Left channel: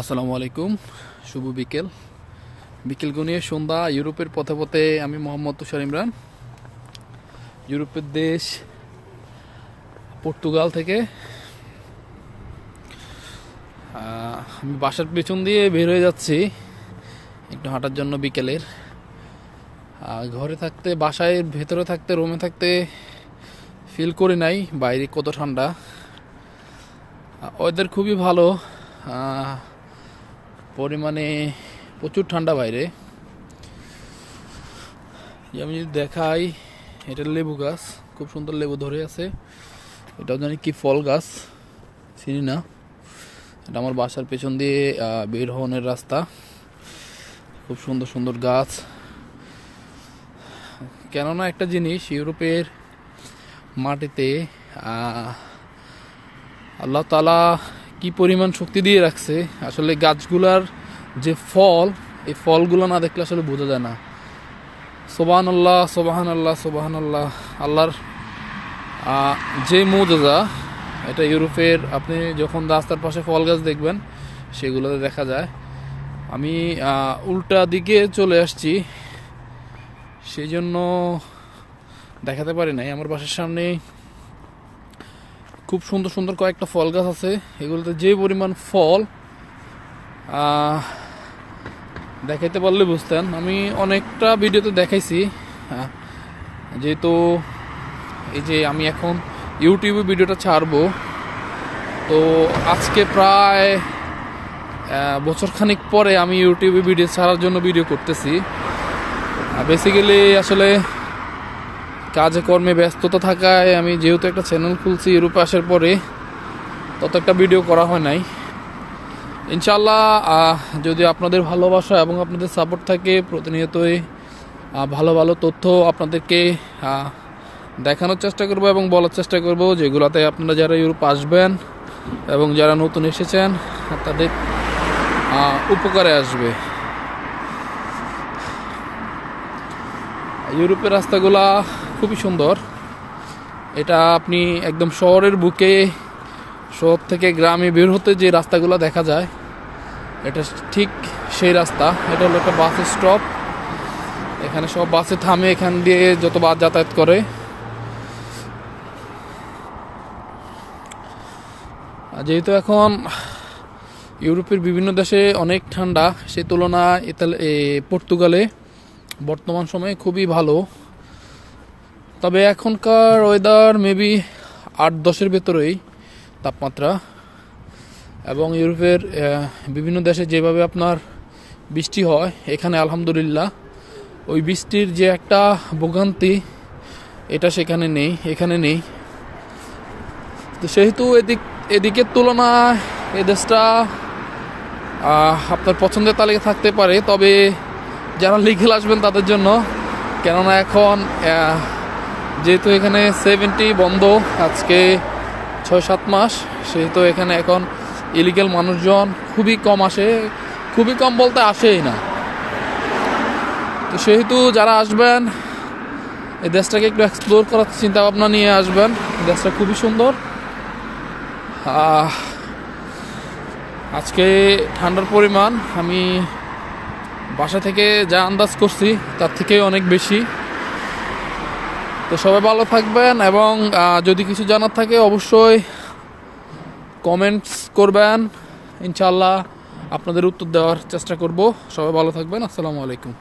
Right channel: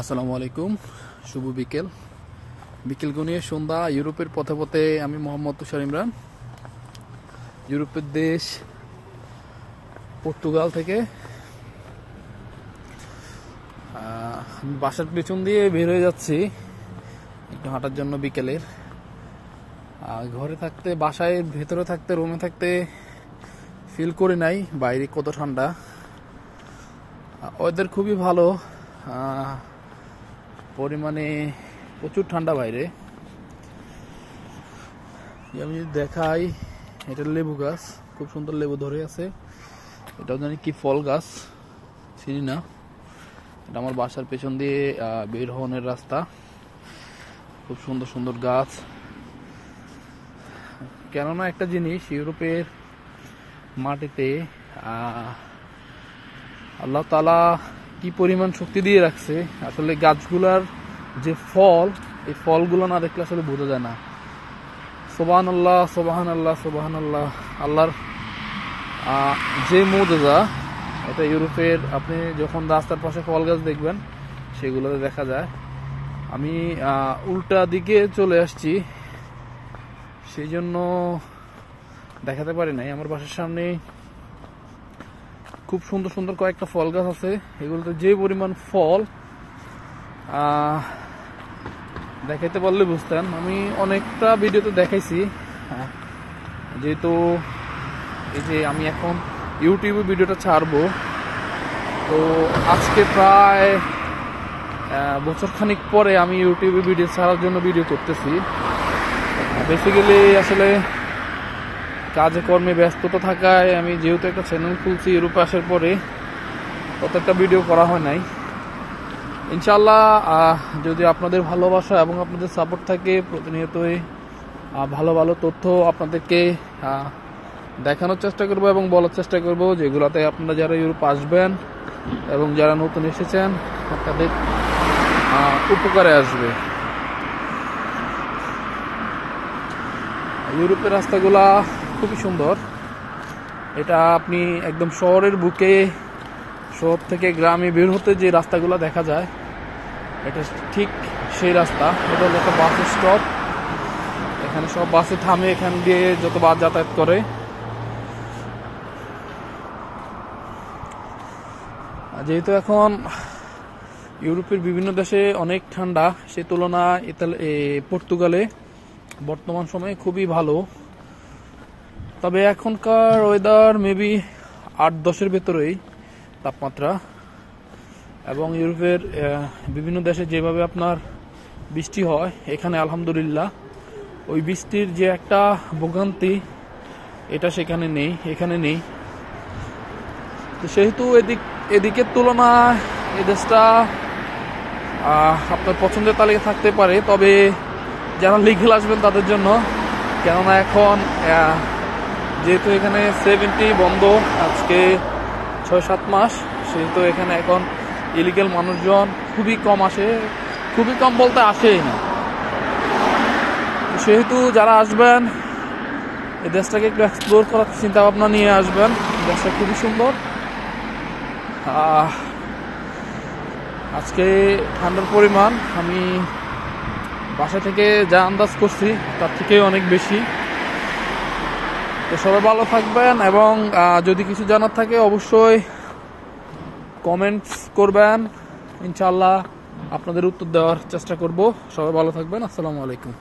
আসসালামু আলাইকুম। শুভ বিকেল। বিকেল গনিয়ে সন্ধ্যা। ইউরোপের পথে পথে আমি মোহাম্মদ তুষার ইমরান, ইউরোপের দেশ পর্তুগাল থেকে। আমি বাসার পেছন দিয়ে বের হয়ে যাচ্ছি একটু হাঁটার জন্য বিকেলের। ঘরে থাকতে, বাসায় ভেতরে থাকতে, রুমে থাকতে ফিল করি নাই বাইরে কত ঠান্ডা। ওয়েদার খুবই ভালো, পরিমাণে প্রচুর ঠান্ডা বাইরে। আমি দেখাই, এটা লেবু গাছ, খুব সুন্দর লেবু ধরে আছে। এটা জানি কি ফল গাছ, চিনি না। এটা আমার বাসার পেছন দিয়ে বের হওয়ার রাস্তা। খুব সুন্দর সুন্দর গাছ। কেননা একটা জিনিস, ইউরোপের মাটিতে আল্লাহ তাআলা কি পরিমাণ শক্তি দিয়ে রাখছে। আসলে গাছগুলার যে ফল, এই ফলগুলো না দেখলে আসলে বোঝা যায় না। সুবহানাল্লাহ, সুবহানাল্লাহ, সুবহানাল্লাহ। আল্লাহর যে মুজিজা, এটা ইউরোপের আপনি যখন রাস্তার পাশে ফল গাছ দেখবেন সেগুলোতে দেখা যায়। আমি উল্টা দিকে চলে আসছি, সেই জন্য দেখাতে পারি নাই। আমার বাসার সামনে খুব সুন্দর সুন্দর কয়েকটা ফল গাছ আছে। এগুলোতে যে পরিমাণ ফল দেখাইতে পারলে বুঝতেন। আমি অনেকটা ভিডিওতে দেখাইছি। যেহেতু এই যে আমি এখন ইউটিউবে ভিডিওটা ছাড়বো, তো আজকে প্রায় বছরখানিক পরে আমি ইউটিউবে ভিডিও ছাড়ার জন্য ভিডিও করতেছি। বেসিক্যালি আসলে কাজে কর্মে ব্যস্ততা থাকায় আমি যেহেতু একটা চ্যানেল খুলছি ইউরোপে আসার পরে, তত একটা ভিডিও করা হয় নাই। ইনশাআল্লাহ যদি আপনাদের ভালোবাসা এবং আপনাদের সাপোর্ট থাকে, প্রতিনিয়তই ভালো ভালো তথ্য আপনাদেরকে দেখানোর চেষ্টা করব এবং বলার চেষ্টা করব, যেগুলোতে আপনারা যারা ইউরোপ আসবেন এবং যারা নতুন এসেছেন তাদের উপকারে আসবে। ইউরোপের রাস্তাগুলা খুবই সুন্দর। এটা আপনি একদম শহরের বুকে, শহর থেকে গ্রামে বের হতে যে রাস্তাগুলো দেখা যায়, এটা ঠিক সেই রাস্তা। এটা হলো একটা বাস স্টপ। এখানে সব বাসে থামে, এখান দিয়ে যত বাস যাতায়াত করে। যেহেতু এখন ইউরোপের বিভিন্ন দেশে অনেক ঠান্ডা, সে তুলনায় পর্তুগালে বর্তমান সময়ে খুবই ভালো। তবে এখনকার ওয়েদার মেবি 8-10-এর ভেতরেই তাপমাত্রা। এবং ইউরোপের বিভিন্ন দেশে যেভাবে আপনার বৃষ্টি হয়, এখানে আলহামদুলিল্লাহ ওই বৃষ্টির যে একটা ভোগান্তি, এটা সেখানে নেই, এখানে নেই। তো সেহেতু এদিকের তুলনায় এ দেশটা আপনার পছন্দের তালিকা থাকতে পারে, তবে যারা লিগেল আসবেন তাদের জন্য। কেননা এখন যেহেতু এখানে 70 বন্ধ আজকে 6-7 মাস, সেহেতু এখানে এখন ইলিগেল মানুষজন খুবই কম আসে। খুবই কম বলতে আসেই না। তো সেহেতু যারা আসবেন, এই দেশটাকে একটু এক্সপ্লোর করার চিন্তা ভাবনা নিয়ে আসবেন। দেশটা খুবই সুন্দর। আজকে ঠান্ডার পরিমাণ আমি বাসা থেকে যা আন্দাজ করছি তার থেকে অনেক বেশি। তো সবাই ভালো থাকবেন, এবং যদি কিছু জানার থাকে অবশ্যই কমেন্টস করবেন। ইনশাআল্লাহ আপনাদের উত্তর দেওয়ার চেষ্টা করব। সবাই ভালো থাকবেন। আসসালামু আলাইকুম।